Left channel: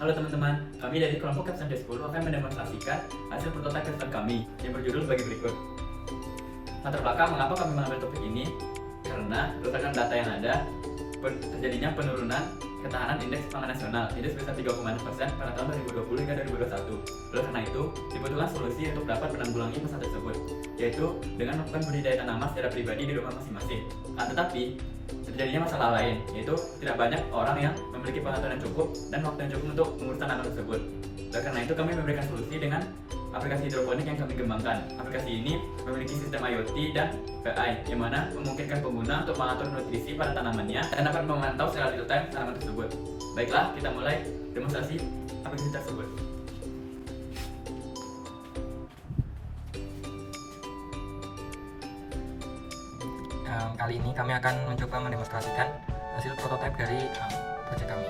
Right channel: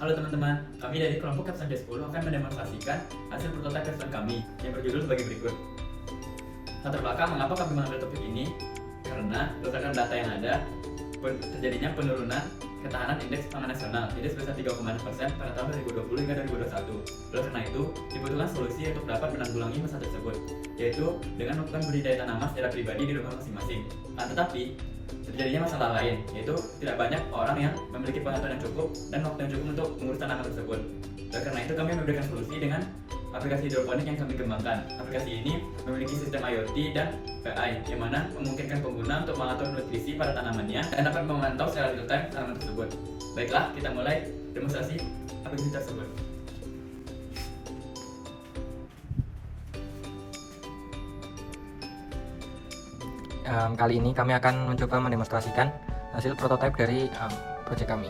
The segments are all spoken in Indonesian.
Halo teman-teman, kami dari kelompok Capstone D10 akan mendemonstrasikan hasil prototipe capstone kami yang berjudul sebagai berikut. Latar belakang mengapa kami mengambil topik ini? Karena berdasarkan data yang ada, terjadinya penurunan ketahanan indeks pangan nasional tidak sebesar 3,6% pada tahun 2020 hingga 2021. Oleh karena itu, dibutuhkan solusi untuk dapat menanggulangi masalah tersebut, yaitu dengan melakukan budidaya tanaman secara pribadi di rumah masing-masing. Tetapi, terjadinya masalah lain, yaitu tidak banyak orang yang memiliki pengetahuan yang cukup dan waktu yang cukup untuk mengurus tanaman tersebut. Oleh karena itu, kami memberikan solusi dengan aplikasi hidroponik yang kami kembangkan. Aplikasi ini memiliki sistem IoT dan PI, yang mana memungkinkan pengguna untuk mengatur nutrisi pada tanamannya dan dapat memantau secara real time tanaman tersebut. Baiklah, kita mulai demonstrasi aplikasi tersebut. Kali ini kami akan mencoba mendemonstrasikan hasil prototipe dari proyek kami.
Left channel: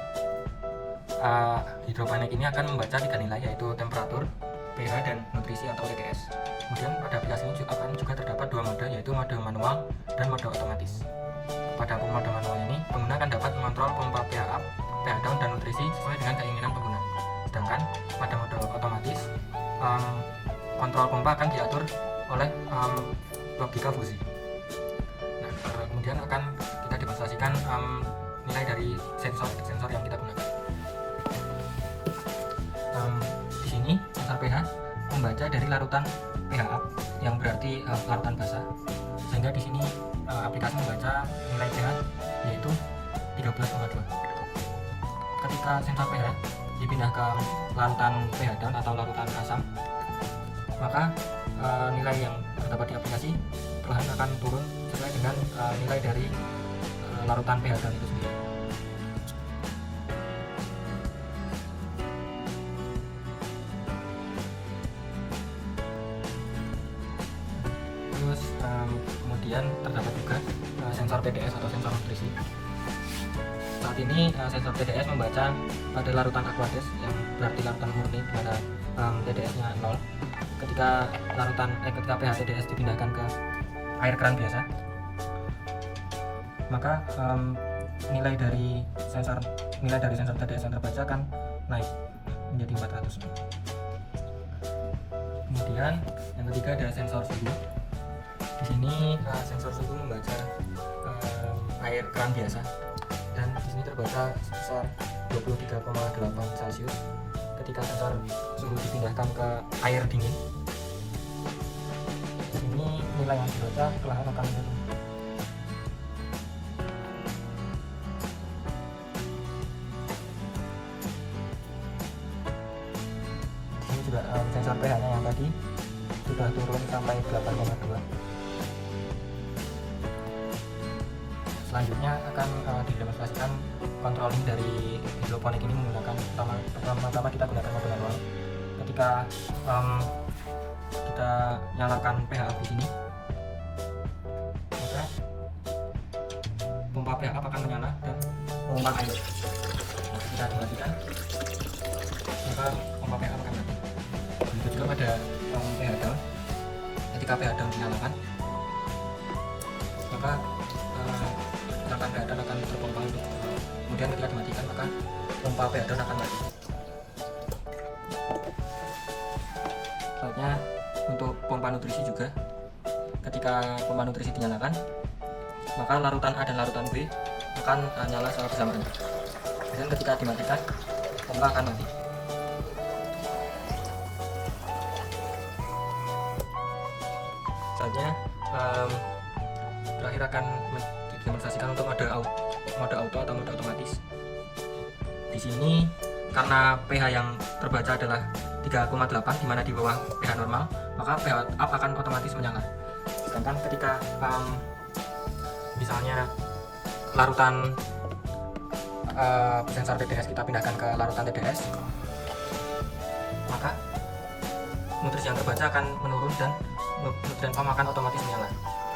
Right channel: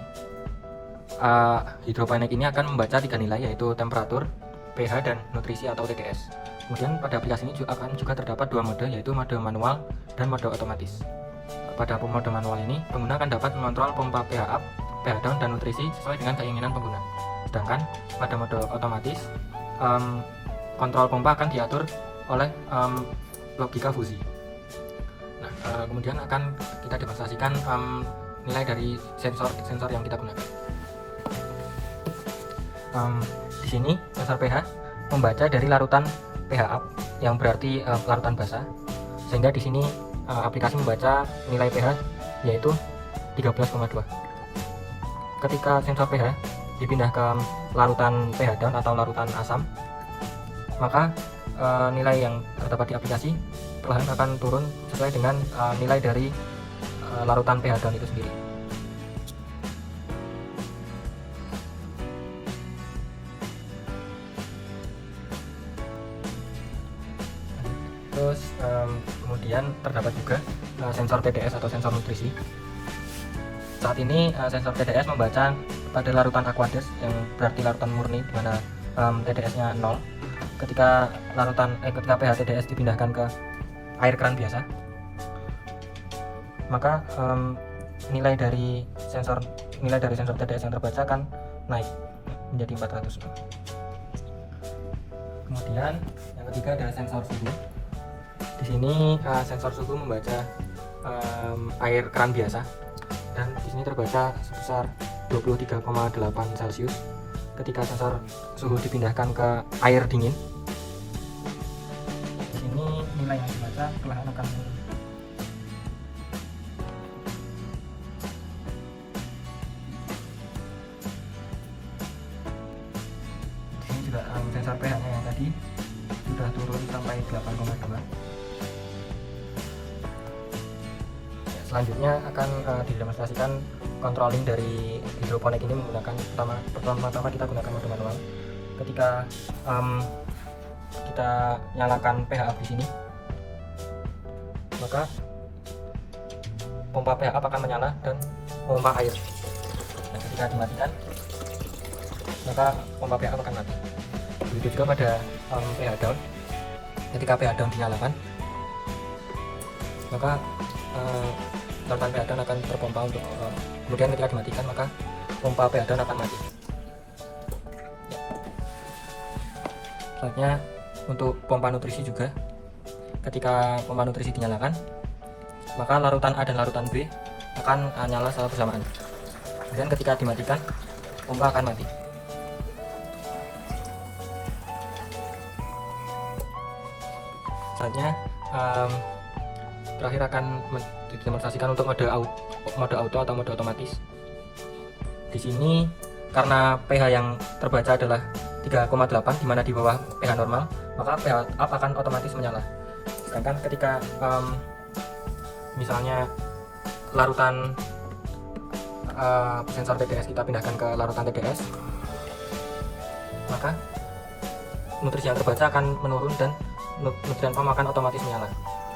Hidroponik ini akan membaca 3 nilai, yaitu temperatur, pH, dan nutrisi atau TDS. Kemudian pada aplikasi ini akan juga terdapat 2 mode, yaitu mode manual dan mode otomatis. Pada mode manual ini, pengguna akan dapat mengontrol pompa pH up, pH down, dan nutrisi sesuai dengan keinginan pengguna. Sedangkan pada mode otomatis, kontrol pompa akan diatur oleh logika fusi. Kemudian akan kita demonstrasikan nilai dari sensor yang kita gunakan. Di sini sensor pH membaca dari larutan pH up, yang berarti larutan basah, sehingga di sini aplikasi membaca nilai pH yaitu 13,2. Ketika sensor pH dipindah ke larutan pH down atau larutan asam, maka nilai yang terdapat di aplikasi perlahan akan turun sesuai dengan nilai dari larutan pH down itu sendiri. Terus kemudian terdapat juga sensor TDS atau sensor nutrisi. Saat ini sensor TDS membaca pada larutan aqueous, yang berarti larutan murni, di mana TDS-nya 0. Ketika pH TDS dipindahkan ke air keran biasa, maka nilai dari sensor TDS yang terbaca akan naik menjadi 400. Kemudian yang ketiga ada sensor suhu. Di sini sensor suhu membaca air keran biasa, dan di sini terbaca sebesar 23,8 Celcius. Ketika sensor suhu dipindahkan ke air dingin, di sini nilai yang dibaca perlahan akan turun. Di sini juga sensor pH-nya yang tadi sudah turun sampai 8,2. Selanjutnya akan didemonstrasikan controlling dari hidroponik ini menggunakan pertama-tama kita gunakan mode manual. Ketika kita nyalakan pH up di sini, maka pompa pH up akan menyala dan pompa air. Ketika dimatikan, maka pompa pH up akan mati. Begitu juga pada pH down. Ketika pH down dinyalakan, maka larutan pH down akan terpompa untuk kemudian ketika dimatikan, maka pompa pH down akan mati. Selanjutnya untuk pompa nutrisi juga, ketika pompa nutrisi dinyalakan, maka larutan A dan larutan B akan nyala secara bersamaan. Dan ketika dimatikan, pompa akan mati. Selanjutnya terakhir akan didemonstrasikan untuk mode auto atau mode otomatis. Di sini karena pH yang terbaca adalah 3,8, di mana di bawah pH normal, maka pH up akan otomatis menyala. Sedangkan ketika misalnya larutan sensor TDS kita pindahkan ke larutan TDS, maka nutrisi yang terbaca akan menurun dan nutrien pump akan otomatis menyala.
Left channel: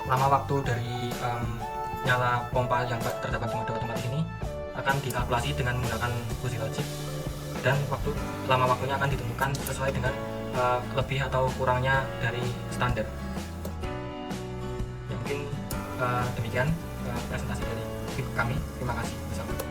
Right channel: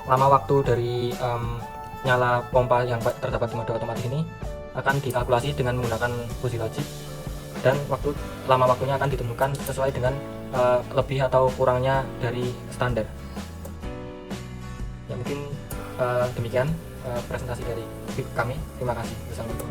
Lama waktu dari nyala pompa yang terdapat di mode otomatis ini akan dikalkulasi dengan menggunakan fuzzy logic, dan lama waktunya akan ditentukan sesuai dengan lebih atau kurangnya dari standar. Ya, mungkin demikian presentasi dari kami. Terima kasih. Bersama.